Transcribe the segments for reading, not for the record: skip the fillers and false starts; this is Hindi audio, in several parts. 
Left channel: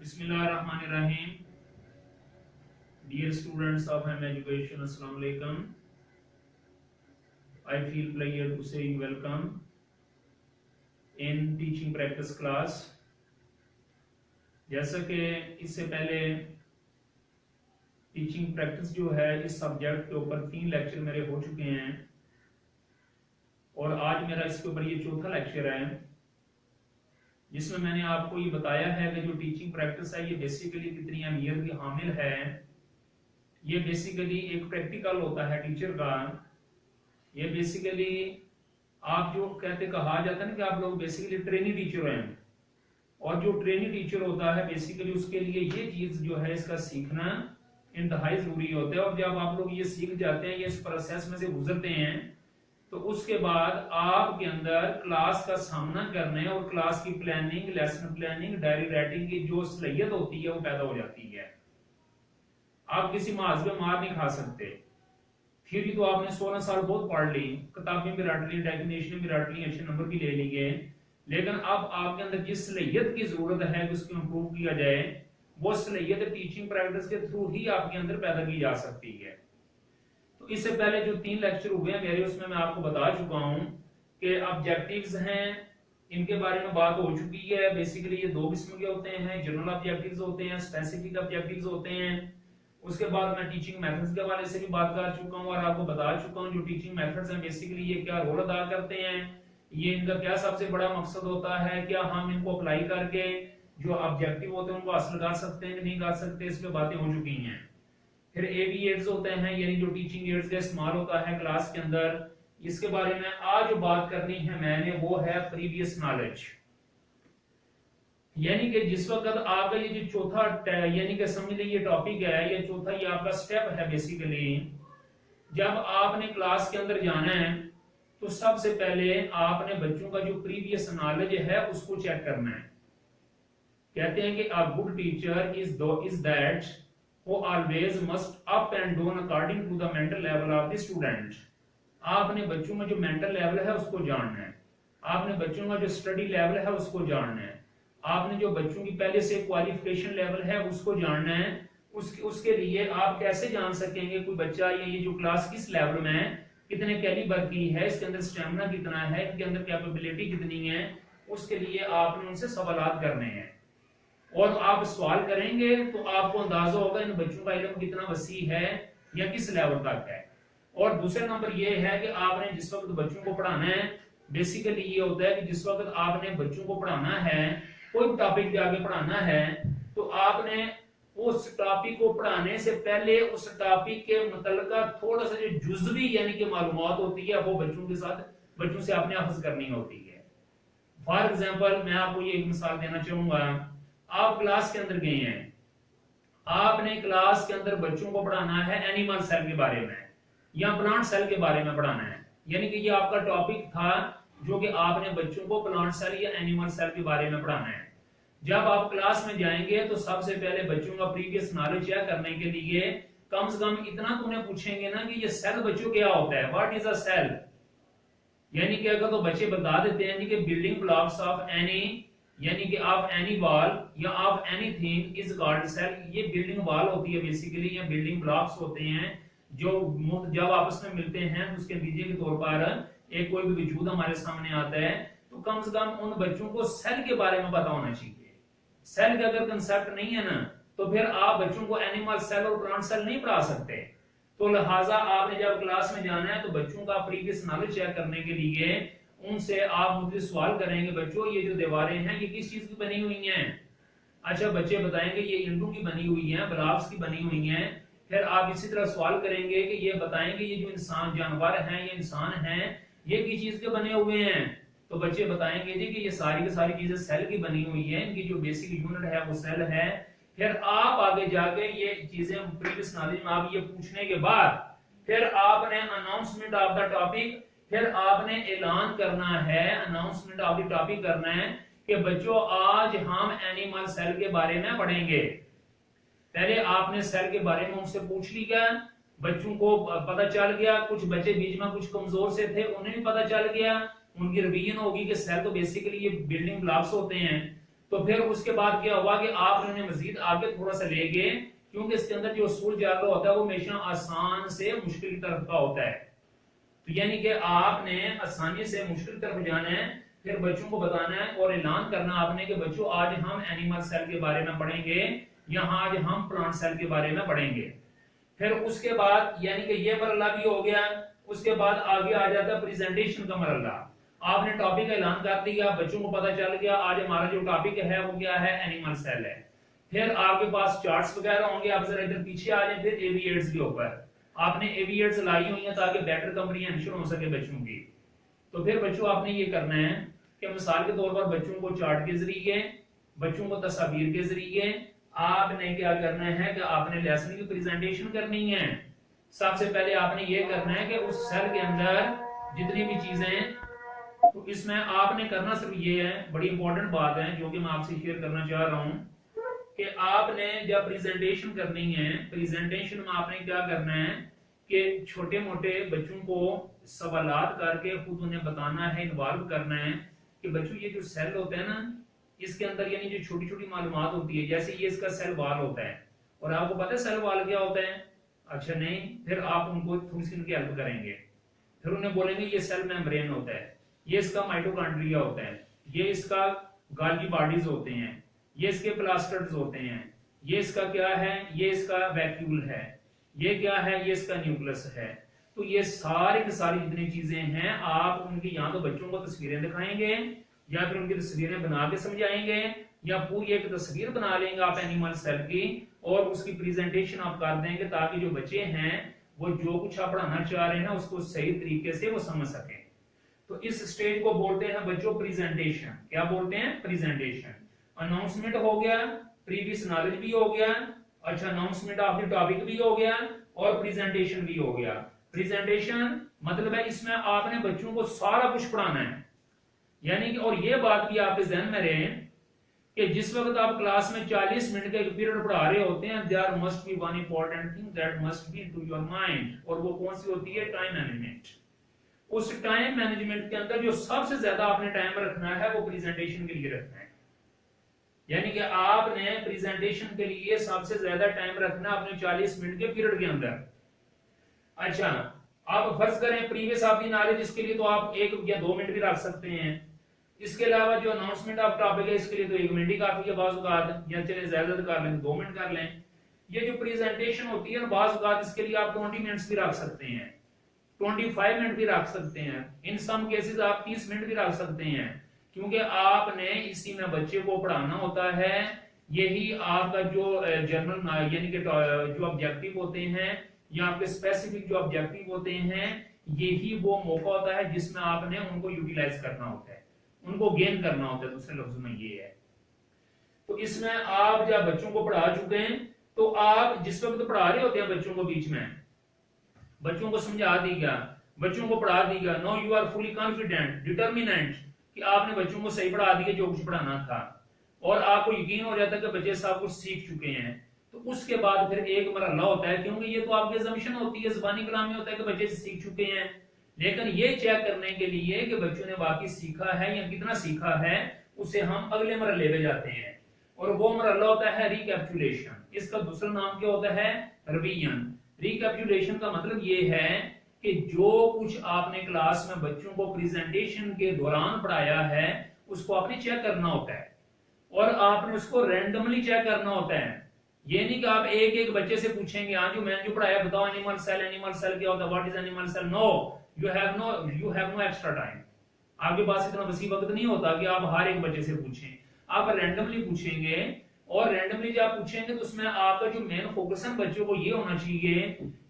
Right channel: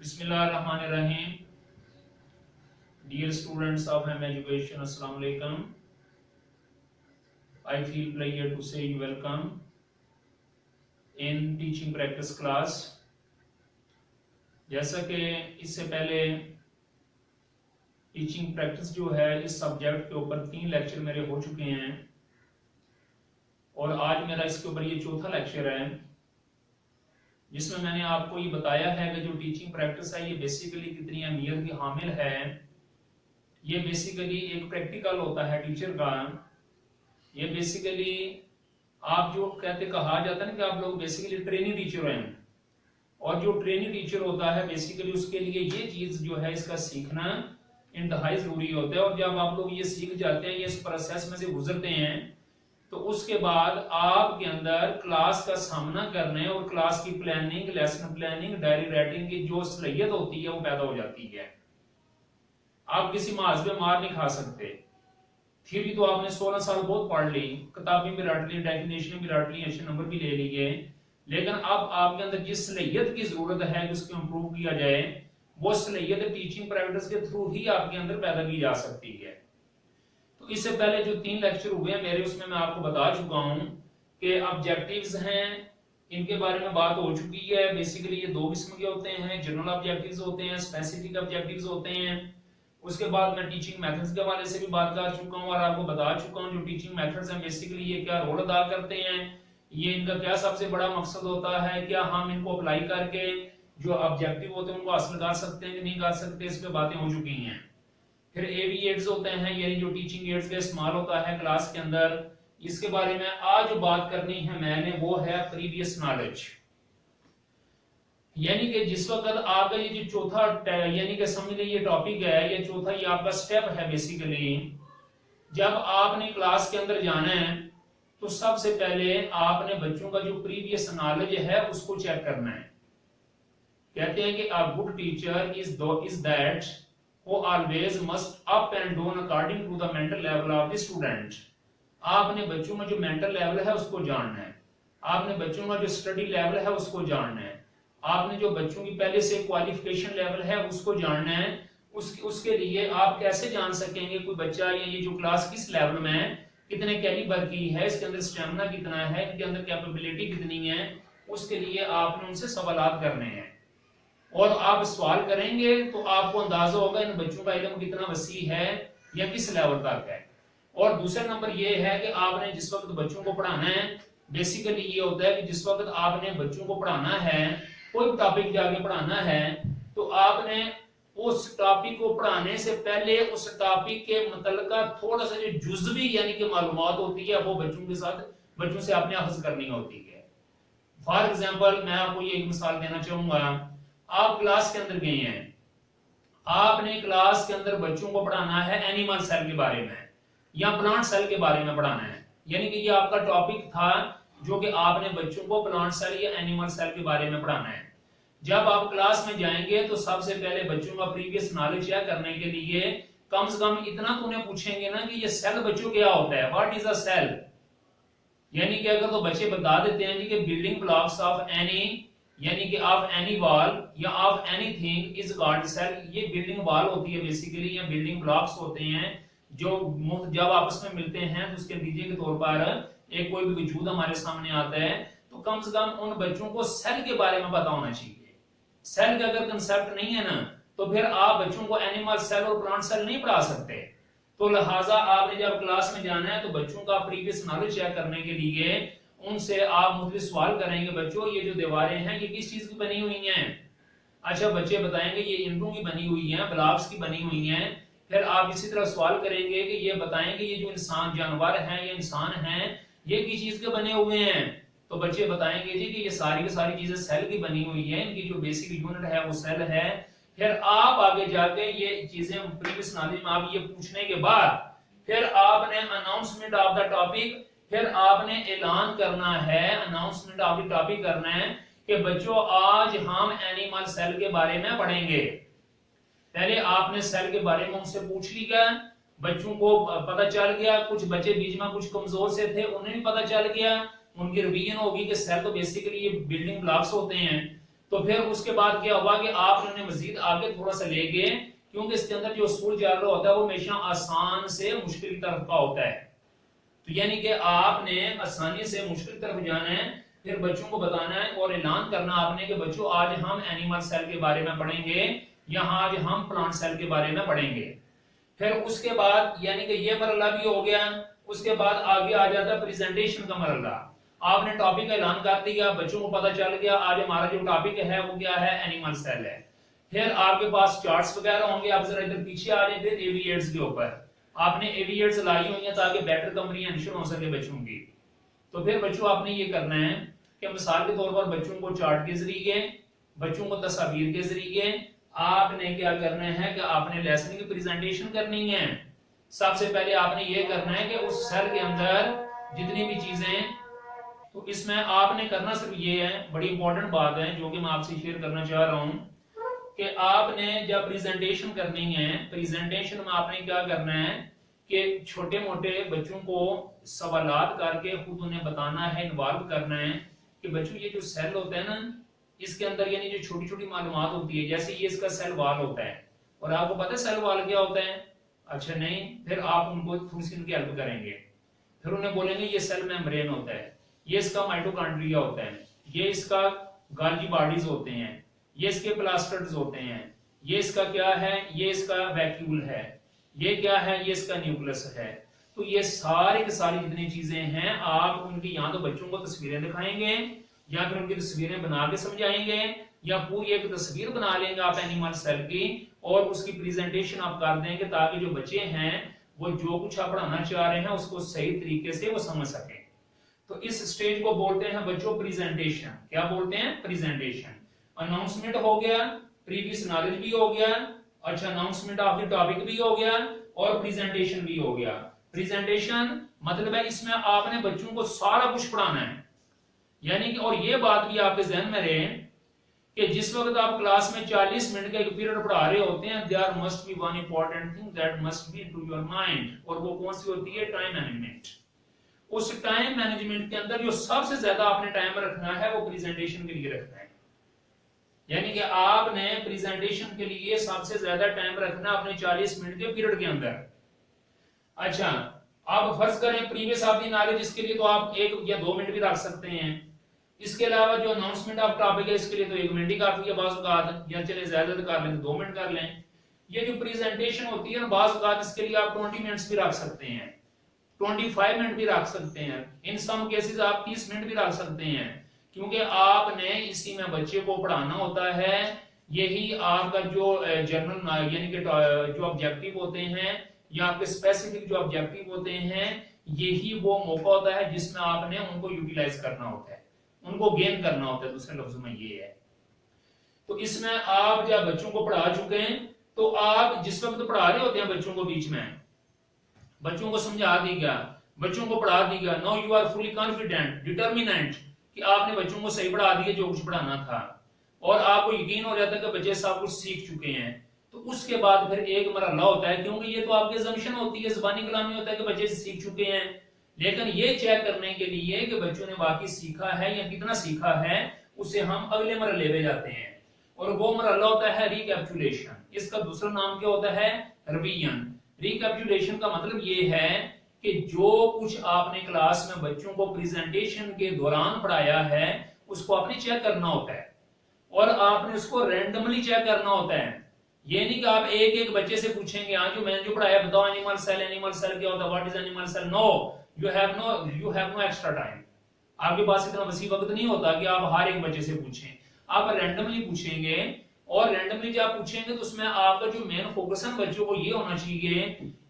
Bismillahirrahmanirrahim. Dear students of M Education, Assalamu alaikum. I feel pleasure to say you welcome in teaching practice class. जैसा कि इससे पहले टीचिंग प्रैक्टिस जो है इस सब्जेक्ट के ऊपर 3 लेक्चर मेरे हो चुके हैं और आज मेरा इसके ऊपर ये चौथा लेक्चर है जिसमें मैंने आपको ये बताया है कि जो टीचिंग प्रैक्टिस है ये बेसिकली कितनी अहमियत की हामिल है। ये बेसिकली एक प्रैक्टिकल होता है टीचर का। ये बेसिकली आप जो कहा जाता है ना कि आप लोग बेसिकली ट्रेनिंग टीचर हैं और जो ट्रेनिंग टीचर होता है बेसिकली उसके लिए ये चीज जो है इसका सीखना इंतहाई जरूरी होता है। और जब आप लोग ये सीख जाते हैं, ये इस प्रोसेस में से गुजरते हैं, तो उसके बाद आपके अंदर क्लास का सामना करने और क्लास की planning, lesson planning, diary writing की जो सलाहियत होती है वो पैदा हो जाती है। आप किसी महाज पे मार नहीं खा सकते। थ्योरी तो आपने 16 साल बहुत पढ़ ली, किताबें भी रट ली, डेफिनेशन भी रट ली, अच्छे नंबर भी ले लिए, लेकिन अब आपके अंदर जिस सलाहियत की जरूरत है कि उसको इम्प्रूव किया जाए, वो सलाहियत टीचिंग प्रैक्टिस के थ्रू ही आपके अंदर पैदा की जा सकती है। तो इससे पहले जो 3 लेक्चर हुए हैं मेरे, उसमें मैं आपको बता चुका हूं कि ऑब्जेक्टिव्स हैं, इनके बारे में बात हो चुकी है। बेसिकली ये 2 किस्म के होते हैं, जनरल ऑब्जेक्टिव्स होते हैं, स्पेसिफिक ऑब्जेक्टिव्स होते हैं। उसके बाद मैं टीचिंग मेथड्स के बारे से भी बात कर चुका हूं और आपको बता चुका हूं जो टीचिंग मेथड्स हैं बेसिकली ये क्या रोल अदा करते हैं, ये इनका क्या सबसे बड़ा मकसद होता है, क्या हम इनको अप्लाई करके जो ऑब्जेक्टिव होते हैं उनको हासिल कर सकते हैं कि नहीं कर सकते, इस पे बातें हो चुकी हैं। फिर एवी एड्स होते हैं, यानी जो टीचिंग एड्स का इस्तेमाल होता है क्लास के अंदर, इसके बारे में आज जो बात करनी है मैंने वो है प्रीवियस नॉलेज। यानी कि जिस वक्त आपका ये जो चौथा यानी कि समझ लीजिए ये टॉपिक है, ये चौथा ये आपका स्टेप है बेसिकली। जब आपने क्लास के अंदर जाना है तो सबसे पहले आपने बच्चों का जो प्रीवियस नॉलेज है उसको चेक करना है। कहते हैं कि a good teacher is that who always must up and down according to the mental level of the student। आपने बच्चों का जो मेंटल लेवल है उसको जानना है, आपने बच्चों का जो स्टडी लेवल है उसको जानना है, आपने जो बच्चों की पहले से क्वालिफिकेशन लेवल है उसको जानना है। उसके लिए आप कैसे जान सकेंगे कोई बच्चा ये जो क्लास किस लेवल में है, कितने कैलिबर की है, इसके अंदर स्टेमिना कितना है, इनके अंदर कैपेबिलिटी कितनी है, उसके लिए आपने उनसे सवालात करने हैं। और आप सवाल करेंगे तो आपको अंदाजा होगा इन बच्चों का इल्म कितना वसी है या किस लेवल तक है। और दूसरा नंबर ये है कि आपने जिस वक्त बच्चों को पढ़ाना है, बेसिकली ये होता है कि जिस वक्त आपने बच्चों को पढ़ाना है, कोई टॉपिक जाके पढ़ाना है, तो आपने उस टॉपिक को पढ़ाने से पहले उस टॉपिक के मुतल्लिका थोड़ा सा जो जुज़वी यानी कि मालूमात होती है वो बच्चों से आपने अखज़ करनी होती है। फॉर एग्जाम्पल मैं आपको ये एक मिसाल देना चाहूंगा। आप क्लास के अंदर गए हैं, आपने क्लास के अंदर बच्चों को पढ़ाना है एनिमल सेल के बारे में या प्लांट सेल के बारे में पढ़ाना है, यानी कि ये आपका टॉपिक था जो कि आपने बच्चों को प्लांट सेल या एनिमल सेल के बारे में पढ़ाना है। जब आप क्लास में जाएंगे तो सबसे पहले बच्चों का प्रीवियस नॉलेज शेयर करने के लिए कम से कम इतना तो उन्हें पूछेंगे ना कि ये सेल बच्चों क्या होता है, व्हाट इज अ सेल। यानी कि अगर तो बच्चे बता देते हैं कि बिल्डिंग ब्लॉक्स ऑफ एनी यानी कि ऑफ एनी वॉल या of anything is called cell, ये बिल्डिंग वॉल होती है बेसिकली, या बिल्डिंग ब्लॉक्स होते हैं जो जब आपस में मिलते हैं तो उसके नतीजे के तौर पर एक कोई भी वजूद हमारे सामने आता है, तो कम से कम उन बच्चों को सेल के बारे में पता होना चाहिए। सेल का अगर कंसेप्ट नहीं है ना तो फिर आप बच्चों को एनिमल सेल और प्लांट सेल नहीं पढ़ा सकते। तो लिहाजा आपने जब क्लास में जाना है तो बच्चों का प्रीवियस नॉलेज शेयर करने के लिए उनसे आप मुख्तलिफ सवाल करेंगे, बच्चों ये जो दीवारें हैं ये किस चीज की बनी हुई हैं। अच्छा बच्चे बताएंगे ये ईंटों की बनी हुई हैं, ब्लॉक्स की बनी हुई हैं। फिर आप इसी तरह सवाल करेंगे कि ये बताएंगे ये जो इंसान जानवर हैं या इंसान हैं ये किस चीज के बने हुए हैं, तो बच्चे बताएंगे जी कि ये सारी की सारी चीजें सेल की बनी हुई है, इनकी जो बेसिक यूनिट है वो सेल है। फिर आप आगे जाके ये चीजें प्रीवियस नॉलेज में आप ये पूछने के बाद फिर आपने अनाउंसमेंट ऑफ द टॉपिक, फिर आपने ऐलान करना है, अनाउंसमेंट ऑफ द टॉपिक करना है कि बच्चों आज हम एनिमल सेल के बारे में पढ़ेंगे। पहले आपने सेल के बारे में उनसे पूछ लिया, बच्चों को पता चल गया, कुछ बच्चे बीच में कुछ कमजोर से थे उन्हें भी पता चल गया, उनकी रिवीजन होगी कि सेल तो बेसिकली ये बिल्डिंग ब्लॉक्स होते हैं। तो फिर उसके बाद क्या हुआ कि आप उन्हें मजीद आगे थोड़ा सा ले गए, क्योंकि इसके अंदर जो उसूल चल रहा होता है वो हमेशा आसान से मुश्किल की तरफ का होता है। तो यानी कि आपने आसानी से मुश्किल की तरफ जाना है, फिर बच्चों को बताना है और ऐलान करना आपने कि बच्चों आज हम एनिमल सेल के बारे में पढ़ेंगे या आज हम प्लांट सेल के बारे में पढ़ेंगे। फिर उसके बाद यानी कि ये मरला भी हो गया। उसके बाद आगे आ जाता है प्रेजेंटेशन का मरला। आपने टॉपिक का ऐलान कर दिया, बच्चों को पता चल गया आज हमारा जो टॉपिक है वो क्या है, एनिमल सेल है। फिर आपके पास चार्ट्स वगैरह होंगे, आप जरा इधर पीछे आ जाए। फिर एविएट्स के ऊपर आपने एविएट्स लाई हुई है ताकि बेटर कंप्रीहेंशन हो सके बच्चों की। तो फिर बच्चों आपने ये करना है कि मिसाल के तौर पर बच्चों को चार्ट के जरिए, बच्चों को तस्वीर के जरिए आपने क्या करना है कि आपने लेसन की प्रेजेंटेशन करनी है। सबसे पहले आपने ये करना है कि उस सेल के अंदर जितनी भी चीजें, तो इसमें आपने करना सिर्फ ये है, बड़ी इंपॉर्टेंट बात है जो कि मैं आपसे शेयर करना चाह रहा हूं कि आपने जब प्रेजेंटेशन करनी है, प्रेजेंटेशन में आपने क्या करना है कि छोटे मोटे बच्चों को सवालात करके खुद उन्हें बताना है, इन्वॉल्व करना है कि बच्चों ये जो सेल होता है ना, इसके अंदर यानी जो छोटी छोटी मालूमात होती है, जैसे ये इसका सेल वॉल होता है, और आपको पता है सेल वॉल क्या होता है? अच्छा नहीं, फिर आप उनको थोड़ी सी उनकी हेल्प करेंगे, फिर उन्हें बोलेंगे ये सेल मेम्ब्रेन होता है, ये इसका माइटोकॉन्ड्रिया होता है, ये इसका गाल्गी बॉडीज होते हैं, ये इसके प्लास्टर्स होते हैं, ये इसका क्या है, ये इसका वैक्यूल है, ये क्या है, ये इसका न्यूक्लियस है। तो ये सारी की सारी जितनी चीजें हैं आप उनकी या तो बच्चों को तस्वीरें दिखाएंगे या फिर उनकी तस्वीरें बना के समझाएंगे, या पूरी एक तस्वीर बना लेंगे आप एनिमल सेल की और उसकी प्रेजेंटेशन आप कर देंगे ताकि जो बच्चे हैं वो जो कुछ आप पढ़ाना चाह रहे हैं उसको सही तरीके से वो समझ सके। तो इस स्टेज को बोलते हैं बच्चों प्रेजेंटेशन। क्या बोलते हैं? प्रेजेंटेशन। अनाउंसमेंट हो गया, प्रीवियस नॉलेज भी हो गया, अच्छा अनाउंसमेंट ऑफ द टॉपिक भी हो गया और प्रेजेंटेशन भी हो गया। प्रेजेंटेशन मतलब है इसमें आपने बच्चों को सारा कुछ पढ़ाना है, यानी कि और ये बात भी आपके जहन में रहे कि जिस वक्त आप क्लास में 40 मिनट का एक पीरियड पढ़ा रहे होते हैं, there must be one important thing that must be into your mind, और वो कौन सी होती है? Time management. उस टाइम मैनेजमेंट के अंदर जो सबसे ज्यादा आपने टाइम रखना है वो प्रेजेंटेशन के लिए रखना है, यानी कि आपने प्रेजेंटेशन के लिए सबसे ज्यादा टाइम रखना अपने 40 मिनट के पीरियड के अंदर। अच्छा, आप फर्ज करें प्रीवियस ऑफ द नॉलेज, इसके लिए तो आप 1 या 2 मिनट भी रख सकते हैं। इसके अलावा जो अनाउंसमेंट ऑफ टॉपिक है इसके लिए तो 1 मिनट ही काफी है, बाज़ औक़ात या चले ज्यादा कर लें 2 मिनट कर लें। ये जो प्रेजेंटेशन होती है बाज़ औक़ात इसके लिए आप 20 मिनट्स भी रख सकते हैं, 25 मिनट भी रख सकते हैं, इन सम केसेस आप 30 मिनट भी रख सकते हैं, क्योंकि आपने इसी में बच्चे को पढ़ाना होता है। यही आपका जो जनरल यानी कि जो ऑब्जेक्टिव होते हैं या आपके स्पेसिफिक जो ऑब्जेक्टिव होते हैं, यही वो मौका होता है जिसमें आपने उनको यूटिलाइज करना होता है, उनको गेन करना होता है, दूसरे लफ्जों में ये है। तो इसमें आप जब बच्चों को पढ़ा चुके हैं तो आप जिस वक्त पढ़ा रहे होते हैं बच्चों को, बीच में बच्चों को समझा दिया, बच्चों को पढ़ा दिया, no you are fully confident determinant कि आपने बच्चों को सही पढ़ा दिया जो कुछ पढ़ाना था, और आपको यकीन हो जाता है कि बच्चे सब कुछ सीख चुके हैं। तो उसके बाद फिर एक मरहला होता है, क्योंकि ये तो आपकी असम्पशन होती है, ज़बानी कलामी होता है कि बच्चे सीख चुके हैं, लेकिन ये चेक करने के लिए कि बच्चों ने वाकई सीखा है या कितना सीखा है, उसे हम अगले मरहले पे जाते हैं, और वो मरहला होता है रिकैपिचुलेशन। इसका दूसरा नाम क्या होता है? रिवीजन। रिकैपिचुलेशन का मतलब ये है कि जो कुछ आपने क्लास में बच्चों को प्रेजेंटेशन के दौरान पढ़ाया है उसको आपने चेक करना होता है, और आपने उसको रैंडमली चेक करना होता है। ये नहीं कि आप एक एक बच्चे से पूछेंगे हाँ जो मैंने जो पढ़ाया बताओ एनिमल सेल क्या होता है, what is animal cell. No, you have no extra time. आपके पास इतना वसी वक्त नहीं होता कि आप हर एक बच्चे से पूछें, आप रैंडमली पूछेंगे, और रैंडमली जब आप पूछेंगे तो उसमें आपका जो मेन फोकस है बच्चों को ये होना चाहिए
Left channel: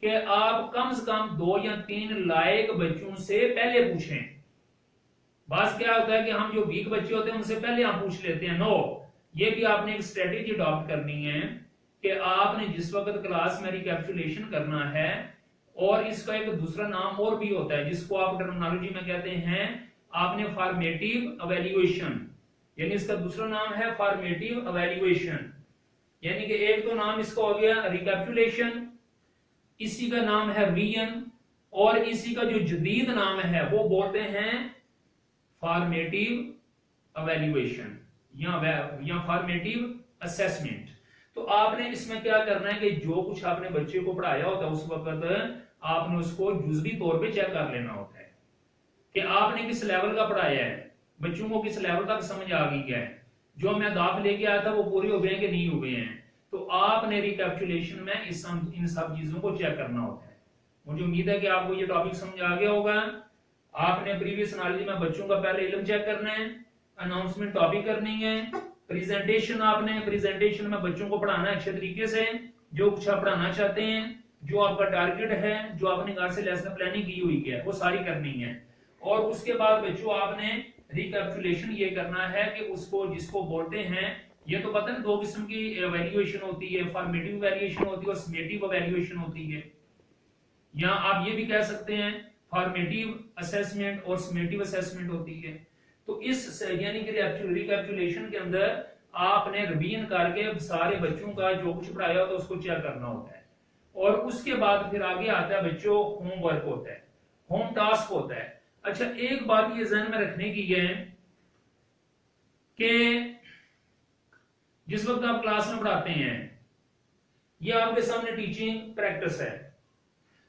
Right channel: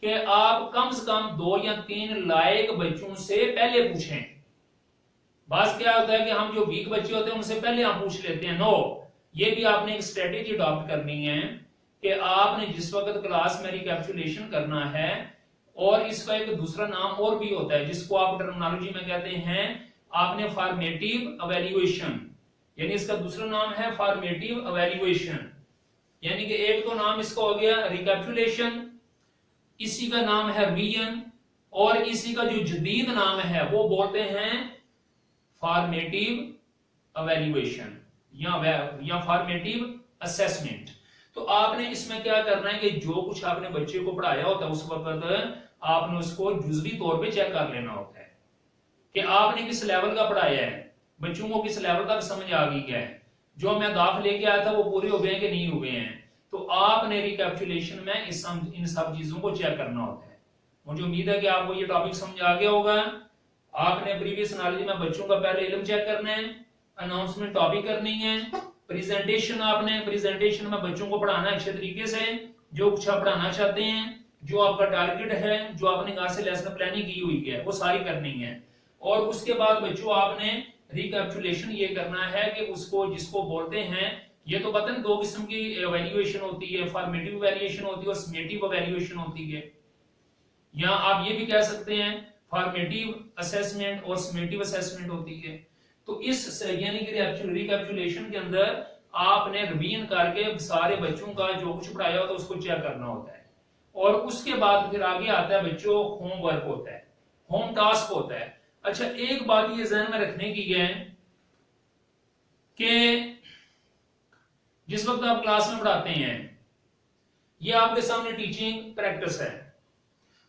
कि आप कम से कम 2 या 3 लायक बच्चों से पहले पूछें। बात क्या होता है कि हम जो वीक बच्चे होते हैं उनसे पहले हम पूछ लेते हैं। नो, ये भी आपने एक स्ट्रेटेजी अडॉप्ट करनी है कि आपने जिस वक्त क्लास में रिकैपिचुलेशन करना है, और इसका एक दूसरा नाम और भी होता है जिसको आप टर्मिनोलॉजी में कहते हैं आपने फॉर्मेटिव एवेल्युएशन, यानी इसका दूसरा नाम है फॉर्मेटिव एवेल्युएशन। यानी कि एक तो नाम इसका हो गया रिकैपिचुलेशन, इसी का नाम है रिवीजन, और इसी का जो जदीद नाम है वो बोलते हैं फॉर्मेटिव एवेल्युएशन। या फॉर्मेटिव असेसमेंट। तो आपने इसमें क्या करना है कि जो कुछ आपने बच्चे को पढ़ाया होता है उस वक्त आपने उसको जुज़वी तौर पे चेक कर लेना होता है कि आपने किस लेवल का पढ़ाया है, बच्चों को किस लेवल तक समझ आ गई है, जो मैं दाख लेके आया था वो पूरे हो गए हैं कि नहीं हुए हैं। तो आपने रिकैपिचुलेशन में इन सब चीजों को चेक करना होता है। मुझे उम्मीद है कि आपको ये टॉपिक समझ आ गया होगा। आपने प्रीवियस नॉलेज में बच्चों का पहले इल्म चेक करना है, अनाउंसमेंट टॉपिक करनी है, प्रेजेंटेशन आपने प्रेजेंटेशन में बच्चों को पढ़ाना है अच्छे तरीके से, जो कुछ आप पढ़ाना चाहते हैं, जो आपका टारगेट है, जो आपने कहा से लेसन प्लानिंग की हुई है वो सारी करनी है। और उसके बाद बच्चों आपने रिकैपिचुलेशन ये करना है कि उसको जिसको बोलते हैं, ये तो पता है दो किस्म की एवेल्युएशन होती है, फॉर्मेटिव एवेल्युएशन होती है और समेटिव एवेल्युएशन होती है। या आप ये भी कह सकते हैं फॉर्मेटिव असेसमेंट और समेटिव असेसमेंट होती है। तो इस यानी कि रिकैपिचुलेशन के अंदर आपने रिवीजन करके सारे बच्चों का जो कुछ पढ़ाया होता है उसको चेक करना होता है। और उसके बाद फिर आगे आता है बच्चों होमवर्क होता है, होम टास्क होता है। अच्छा, एक बात ये ध्यान में रखने की है कि जिस वक्त आप क्लास में पढ़ाते हैं, ये आपके सामने टीचिंग प्रैक्टिस है,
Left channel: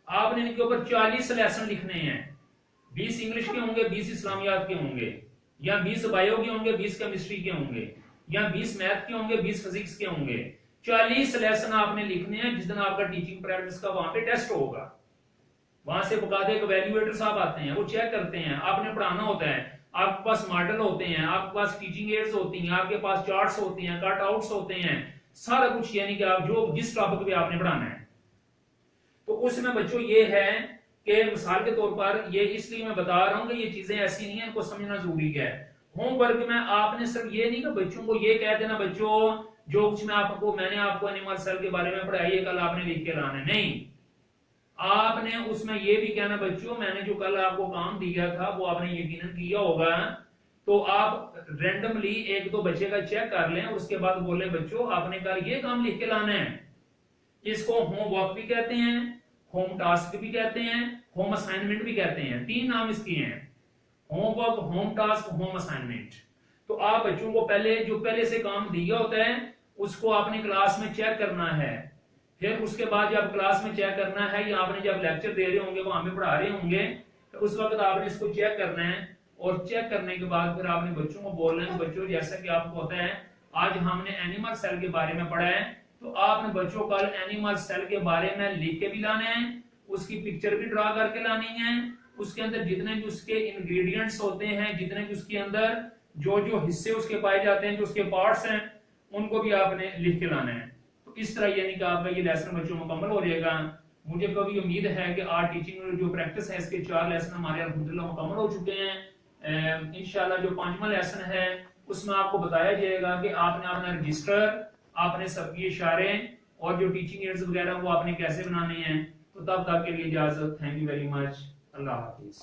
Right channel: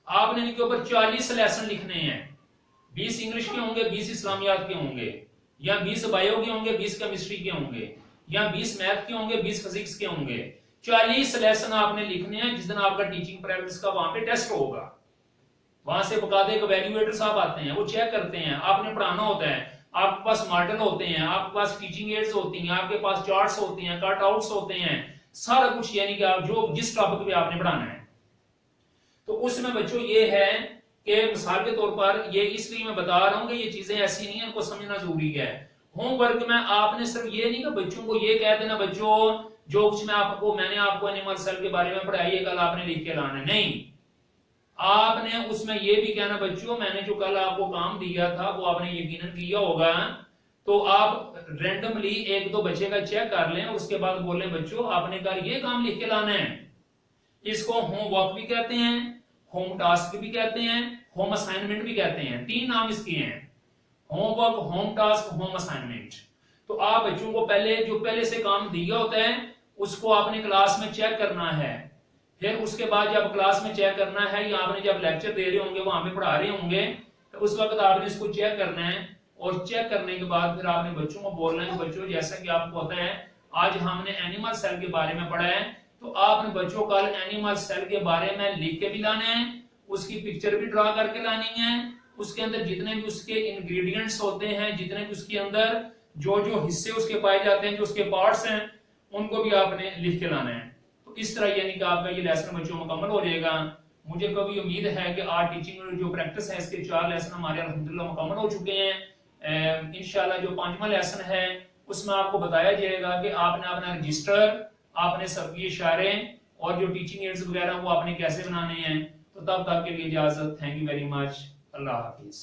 आपने इनके ऊपर 40 लेसन लिखने हैं। 20 इंग्लिश के होंगे, 20 इस्लामियात के होंगे, या 20 बायो के होंगे, 20 केमिस्ट्री के होंगे, या 20 मैथ के होंगे, 20 फिजिक्स के होंगे। 40 लेसन आपने लिखने हैं। जिस दिन आपका टीचिंग प्रैक्टिस का वहां पे टेस्ट होगा, वहां से बकायदे इवैल्यूएटर साहब आते हैं, वो चेक करते हैं, आपने पढ़ाना होता है, आपके पास मॉडल होते हैं, आपके पास टीचिंग एड्स होती हैं, आपके पास चार्ट्स होते हैं, कट आउट्स होते हैं, सारा कुछ, यानी कि आप जो जिस टॉपिक पे आपने पढ़ाना है। तो उसमें बच्चों ये है कि मिसाल के तौर पर, ये इसलिए मैं बता रहा हूं कि ये चीजें ऐसी नहीं है, इनको समझना जरूरी है। होमवर्क में आपने सिर्फ ये नहीं कि बच्चों को ये कह देना बच्चों जो कुछ मैंने आपको एनिमल सेल के बारे में पढ़ाई है कल आपने लिख के लाना है, नहीं। आपने उसमें ये भी कहना बच्चों मैंने जो कल आपको काम दिया था वो आपने यकीनन किया होगा। तो आप रैंडमली एक दो बच्चे का चेक कर लें, उसके बाद बोले बच्चों आपने कल ये काम लिख के लाना है। इसको होमवर्क भी कहते हैं, होम टास्क भी कहते हैं, होम असाइनमेंट भी कहते हैं। 3 नाम इसके हैं, homework, home task, home assignment. तो आप बच्चों को पहले से काम दिया होता है उसको आपने क्लास में चेक करना है। फिर उसके बाद जब क्लास में चेक करना है, या आपने जब लेक्चर दे रहे होंगे, वहां पे पढ़ा रहे होंगे, तो उस वक्त आपने इसको चेक करना है। और चेक करने के बाद फिर आपने बच्चों को बोलना है बच्चों जैसा कि आपको पता है आज हमने एनिमल सेल के बारे में पढ़ा है, तो आपने बच्चों कल एनिमल सेल के बारे में लिख के भी लाने हैं, उसकी पिक्चर भी ड्रा करके लानी है, उसके अंदर जितने भी उसके इंग्रेडिएंट्स होते हैं, जितने भी उसके अंदर जो जो हिस्से उसके पाए जाते हैं, जो उसके पार्ट्स हैं, उनको भी आपने लिख के लाना है। तो इस तरह यानी कि आपका ये लेसन बच्चों मुकम्मल हो जाएगा। मुझे कभी उम्मीद है कि आज टीचिंग जो प्रैक्टिस है इसके 4 लेसन हमारे अल्हम्दुलिल्लाह मुकम्मल हो चुके हैं। इंशाल्लाह जो 5वां लेसन है उसमें आपको बताया जाएगा कि आपने अपना रजिस्टर, आपने सबकी इशारे और जो टीचिंग एड्स वगैरह वो आपने कैसे बनाने हैं। तो तब तक के लिए इजाजत, thank you very much, Allah Hafiz.